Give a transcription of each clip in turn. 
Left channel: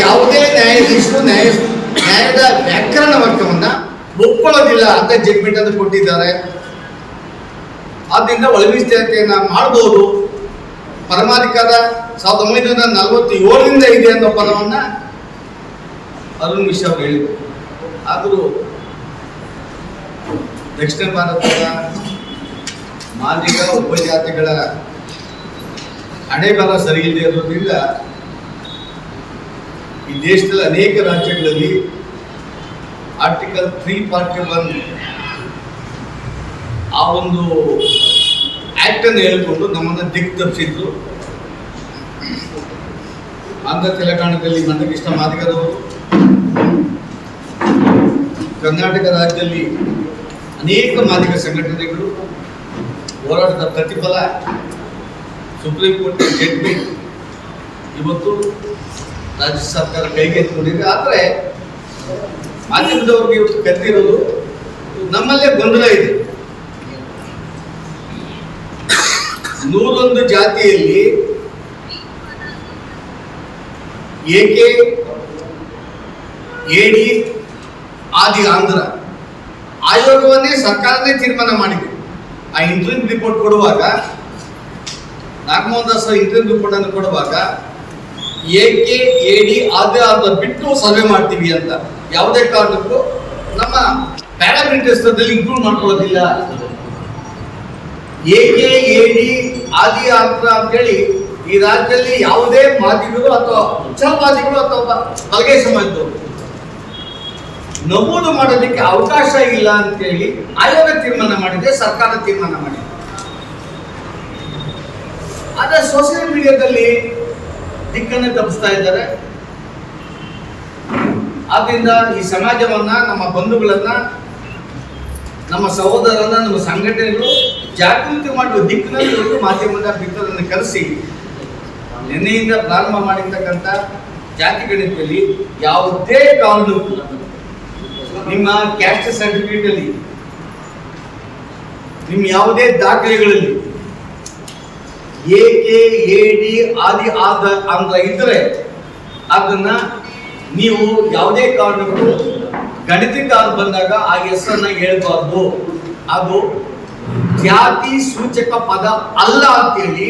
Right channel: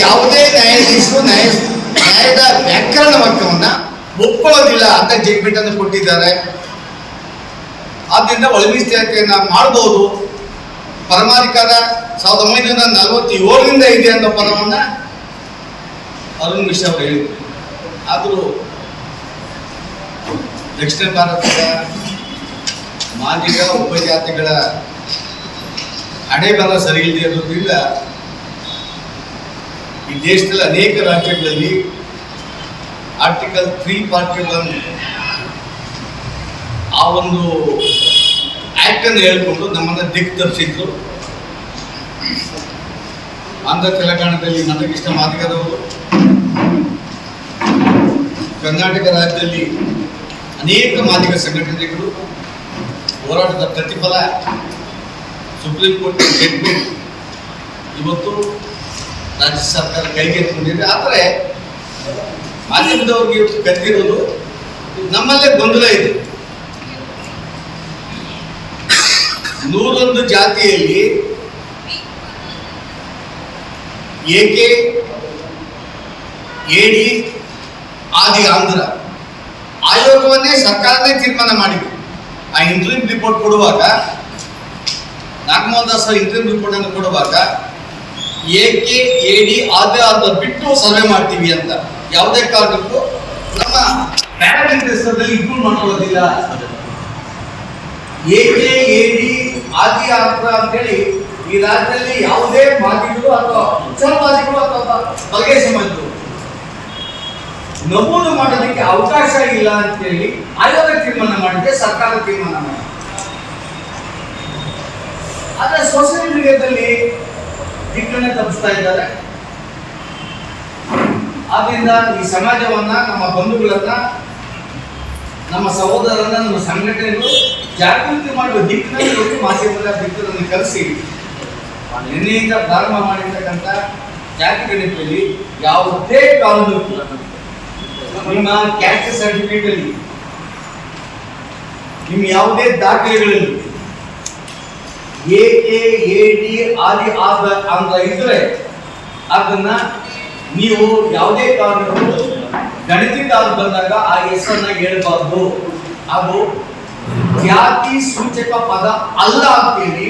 ಯಾವುದೇ ನ್ಯಾಯಾಧೀಶರು ನ್ಯಾಯ ನ್ಯಾಯದ ವ್ಯಾಕರಣ ವಾಕ್ಯವನ್ನ ಒಪ್ಕೊಳ್ಳೋದಿಲ್ಲ ಅಂತ ಜಡ್ಮೆಂಟ್ ಅನ್ನು ಕೊಟ್ಟಿದ್ದಾರೆ. ಆದ್ದರಿಂದ ಒಳಮೀಸಲಾತಿಯನ್ನ ಮಾಡಬಹುದು ಪರಮಾಧಿಕಾರ ಸಾವಿರದ ಒಂಬೈನೂರ ನಲವತ್ತೇಳರಿಂದ ಇದೆ ಅಂತ ಪದವನ್ನ ಅರುಣ್ ಮಿಶ್ರಾ ಅವರು ಹೇಳಿದರು. ಆದರೂ ದಕ್ಷಿಣ ಭಾರತದ ಮಾದಿಗ ಉಪಜಾತಿಗಳ ಹಣೆ ಬಲ ಸರಿ ಇಲ್ಲದೆ ಈ ದೇಶದಲ್ಲಿ ಅನೇಕ ರಾಜ್ಯಗಳಲ್ಲಿ ಆರ್ಟಿಕಲ್ ತ್ರೀ ಫಾರ್ಟಿ ಒನ್ ಆ ಒಂದು ಆಕ್ಟ್ ಅನ್ನು ಹೇಳ್ಕೊಂಡು ನಮ್ಮನ್ನ ದಿಕ್ಕು ತರಿಸಿದ್ರು ಆಂಧ್ರ ತೆಲಂಗಾಣದಲ್ಲಿ ಮಂದಕೃಷ್ಣ ಮಾದಿಗರವರು ಕರ್ನಾಟಕ ರಾಜ್ಯದಲ್ಲಿ ಅನೇಕ ಮಾದಿಗ ಸಂಘಟನೆಗಳು ಹೋರಾಟದ ಪ್ರತಿಫಲ ಸುಪ್ರೀಂ ಕೋರ್ಟ್ ಜಡ್ಮೆಂಟ್ ಇವತ್ತು ರಾಜ್ಯ ಸರ್ಕಾರ ಕೈಗೆತ್ತಿಕೊಂಡಿದೆ. ಆದರೆ ಮಾಧ್ಯಮದವ್ರಿಗೆ ಇವತ್ತು ಕತ್ತಿರೋದು ನಮ್ಮಲ್ಲೇ ಗೊಂದಲ ಇದೆ. ನೂರೊಂದು ಜಾತಿಯಲ್ಲಿ ಏಕೆ ಎಡಿ ಆದಿ ಆಂಧ್ರ ಆಯೋಗವನ್ನೇ ಸರ್ಕಾರನೇ ತೀರ್ಮಾನ ಮಾಡಿದೆ. ಆ ಇಂಟ್ರಿಮ್ ರಿಪೋರ್ಟ್ ಕೊಡುವಾಗ ನಾಗಮೋಹನ್ ದಾಸ್ ಇಂಟರ್ವ್ಯೂ ಕೊಡುವಾಗ, ಏಕೆ ಎಡಿ ಆದಿ ಆಂಧ್ರ ಬಿಟ್ಟು ಸರ್ವೆ ಮಾಡ್ತೀವಿ ಅಂತ. ಯಾವುದೇ ಕಾರಣಕ್ಕೂ ನಮ್ಮ ಪ್ಯಾರಾಮೀಟರ್ಸ್ನಲ್ಲಿ ಇಂಪ್ರೂವ್ ಮಾಡ್ಕೊಳ್ಳೋದಿಲ್ಲ. ಏಕೆ ಏಡಿ ಆದಿ ಆಂಧ್ರ ಅಂತೇಳಿ ಈ ರಾಜ್ಯದಲ್ಲಿ ಯಾವುದೇ ಮಾದಿಗಳು ಅಥವಾ ಉಚ್ಚಲವಾದಿಗಳು ಅಥವಾ ಬಲಗೈ ಸಮಾಜದವರು ನಮೂದು ಮಾಡೋದಕ್ಕೆ ಅವಕಾಶ ಇಲ್ಲ ಅಂತೇಳಿ ಆಯೋಗ ತೀರ್ಮಾನ ಮಾಡಿದೆ ಸರ್ಕಾರ ತೀರ್ಮಾನ ಮಾಡಿದೆ. ಆದ್ರೆ ಸೋಷಿಯಲ್ ಮೀಡಿಯಾದಲ್ಲಿ ದಿಕ್ಕನ್ನೇ ತಪ್ಪಿಸ್ತಾ ಇದ್ದಾರೆ. ಆದ್ರಿಂದ ಈ ಸಮಾಜವನ್ನ, ನಮ್ಮ ಬಂಧುಗಳನ್ನ, ನಮ್ಮ ಸಹೋದರರನ್ನ, ನಮ್ಮ ಸಂಘಟನೆಗಳು ಜಾಗೃತಿ ಮಾಡುವ ದಿಕ್ಕಿನಲ್ಲಿ ಒಂದು ಮಾಧ್ಯಮದ ದಿಕ್ಕನ್ನು ಕರೆಸಿ, ನಿನ್ನೆಯಿಂದ ಪ್ರಾರಂಭ ಮಾಡಿರ್ತಕ್ಕಂಥ ಜಾತಿ ಗಣಿತದಲ್ಲಿ ಯಾವುದೇ ಕಾನೂನು ನಿಮ್ಮ ಕ್ಯಾಸ್ಟ್ ಸರ್ಟಿಫಿಕೇಟ್ ಅಲ್ಲಿ, ನಿಮ್ಮ ಯಾವುದೇ ದಾಖಲೆಗಳಲ್ಲಿ ಎ ಡಿ ಆದಿ ಆದ ಅಂತ ಇದ್ರೆ ಅದನ್ನ ನೀವು ಯಾವುದೇ ಕಾರಣಕ್ಕೂ ಗಣಿತಕ್ಕೆ ಅಂತ ಬಂದಾಗ ಆ ಹೆಸರನ್ನ ಹೇಳ್ಬಾರ್ದು. ಅದು ಜಾತಿ ಸೂಚಕ ಪದ ಅಲ್ಲ ಅಂತೇಳಿ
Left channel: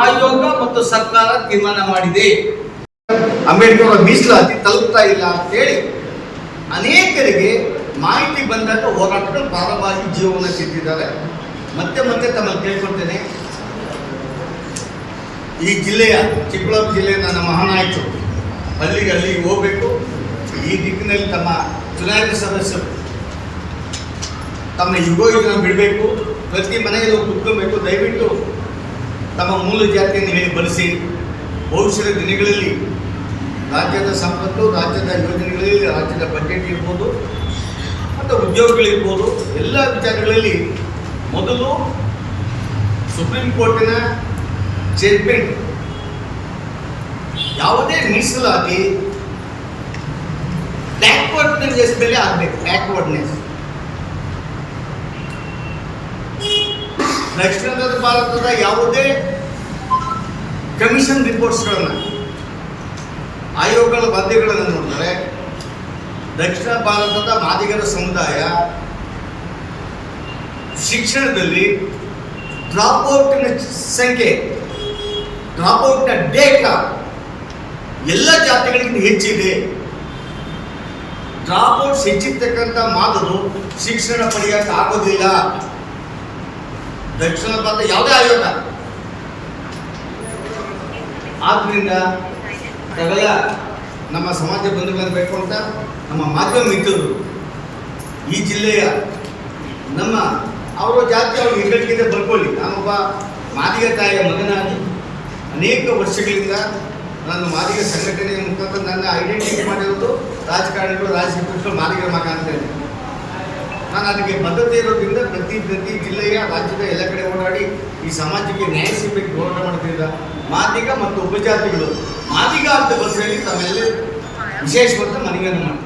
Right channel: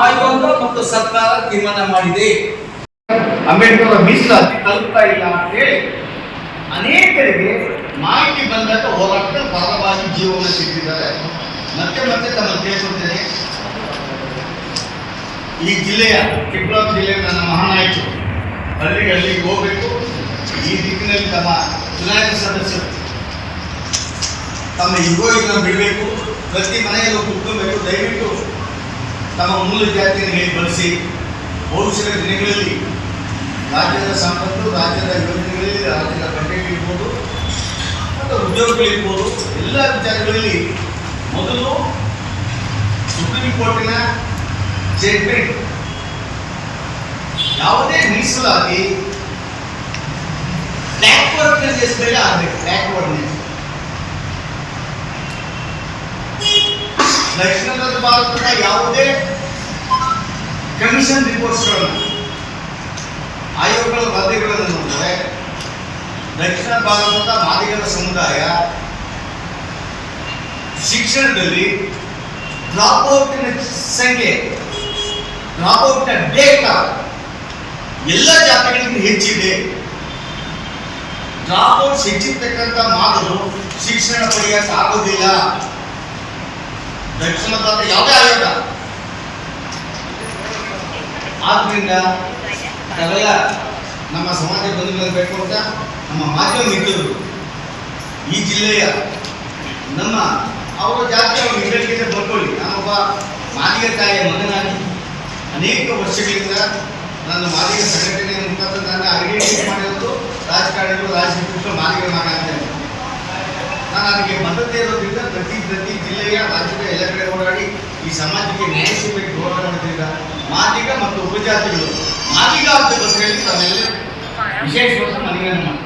ಆಯೋಗ ಮತ್ತು ಸರ್ಕಾರ ತೀರ್ಮಾನ ಮಾಡಿದೆ. ಅಂಬೇಡ್ಕರ್ ಮೀಸಲಾತಿ ತಲುಪ್ತಾ ಇಲ್ಲ ಅಂತೇಳಿ ಅನೇಕರಿಗೆ ಮಾಹಿತಿ ಬಂದಾಗ ಹೋರಾಟದ ಪರವಾಗಿ ಜೀವನ ಸಿಕ್ಕಿದ್ದಾರೆ. ಮತ್ತೆ ಮತ್ತೆ ತಮ್ಮ ಕೇಳ್ಕೊಳ್ತೇನೆ. ಈ ಜಿಲ್ಲೆಯ ಚಿಕ್ಕಬಳ್ಳಾಪುರ ಜಿಲ್ಲೆಯ ನನ್ನ ಮಹಾನಾಯಕರು ಅಲ್ಲಿಗೆ ಅಲ್ಲಿಗೆ ಹೋಗಬೇಕು. ಈ ದಿಕ್ಕಿನಲ್ಲಿ ತಮ್ಮ ಚುನಾಯಿತ ಸದಸ್ಯರು ತಮ್ಮ ಯುಗೋಯುಗನ ಬಿಡಬೇಕು, ಪ್ರತಿ ಮನೆಯಲ್ಲೂ ಕುತ್ಕೊಬೇಕು. ದಯವಿಟ್ಟು ತಮ್ಮ ಮೂಲ ಜಾತಿಯನ್ನು ಹೇಳಿ ಬಳಸಿ ಭವಿಷ್ಯದ ದಿನಗಳಲ್ಲಿ ರಾಜ್ಯದ ಸಂಪತ್ತು, ರಾಜ್ಯದ ಯೋಜನೆಗಳಲ್ಲಿ ರಾಜ್ಯದ ಬಜೆಟ್ ಇರ್ಬೋದು ಮತ್ತು ಉದ್ಯೋಗಗಳಿರ್ಬೋದು. ಎಲ್ಲ ವಿಚಾರಗಳಲ್ಲಿ ಮೊದಲು ಸುಪ್ರೀಂ ಕೋರ್ಟಿನ ಜಡ್ಮೆಂಟ್ ಯಾವುದೇ ಮೀಸಲಾತಿ ಬ್ಯಾಕ್ವರ್ಡ್ನೆಸ್ ಮೇಲೆ ಆಗಬೇಕು ಬ್ಯಾಕ್ವರ್ಡ್ನೆಸ್ ದಕ್ಷಿಣ ಭಾರತದ ಯಾವುದೇ ಕಮಿಷನ್ ರಿಪೋರ್ಟ್ಸ್ಗಳನ್ನು, ಆಯೋಗಗಳ ವರದಿಗಳನ್ನು ನೋಡಿದರೆ, ದಕ್ಷಿಣ ಭಾರತದ ಮಾದಿಗರ ಸಮುದಾಯ ಶಿಕ್ಷಣದಲ್ಲಿ ಡ್ರಾಪ್ಔಟಿನ ಸಂಖ್ಯೆ ಡ್ರಾಪ್ಔಟ್ನ ಡೇಟಾ ಎಲ್ಲ ಜಾತಿಗಳಿಗಿಂತ ಹೆಚ್ಚಿದೆ. ಡ್ರಾಪ್ಔಟ್ಸ್ ಹೆಚ್ಚಿರ್ತಕ್ಕಂಥ ಮಾದರು ಶಿಕ್ಷಣ ಪಡೆಯಕ್ಕೆ ಆಗೋದಿಲ್ಲ. ದಕ್ಷಿಣ ಭಾರತ ಯಾವುದೇ ಆಯೋಗ. ಆದ್ರಿಂದ ತಗಲ ನಮ್ಮ ಸಮಾಜ ಮೇಲೆ ಬೇಕು ಅಂತ ನಮ್ಮ ಮಾಧ್ಯಮ ಮಿತ್ರರು ಈ ಜಿಲ್ಲೆಯ ನಮ್ಮ ಅವರ ಜಾತಿ, ಅವರು ಹೆಗ್ಗಳಿಕೆ ಬರ್ಕೊಳ್ಳಿ. ನಾನೊಬ್ಬ ಮಾದಿಗ ತಾಯಿಯ ಮಗನಾಗಿ ಅನೇಕ ವರ್ಷಗಳಿಂದ ನನ್ನ ಮಾದಿಗ ಸಂಘಟನೆಯ ಮುಖಾಂತರ ನನ್ನ ಐಡೆಂಟಿಫೈ ಮಾಡಿರೋದು ರಾಜಕಾರಣಿಗಳು ರಾಜಕೀಯ ಮಾದಿಗರ ಮಗ ಅಂತೇಳಿ ನಾನು ಅದಕ್ಕೆ ಬದ್ಧತೆ ಇರೋದ್ರಿಂದ ಪ್ರತಿ ಪ್ರತಿ ಜಿಲ್ಲೆಯ, ರಾಜ್ಯದ ಎಲ್ಲ ಕಡೆ ಓಡಾಡಿ ಈ ಸಮಾಜಕ್ಕೆ ನ್ಯಾಯ ಸಿಗಬೇಕು ಹೋರಾಟ ಮಾಡೋದ್ರಿಂದ ಮಾದಿಗ ಮತ್ತು ಉಪಜಾತಿಗಳು. ಮಾದಿಗ ಅಂತ ಬಸ್ ಹೇಳಿ ತಮ್ಮೆಲ್ಲ ವಿಶೇಷವಾದ ಮನವಿಯನ್ನು ಮಾಡ್ತಾರೆ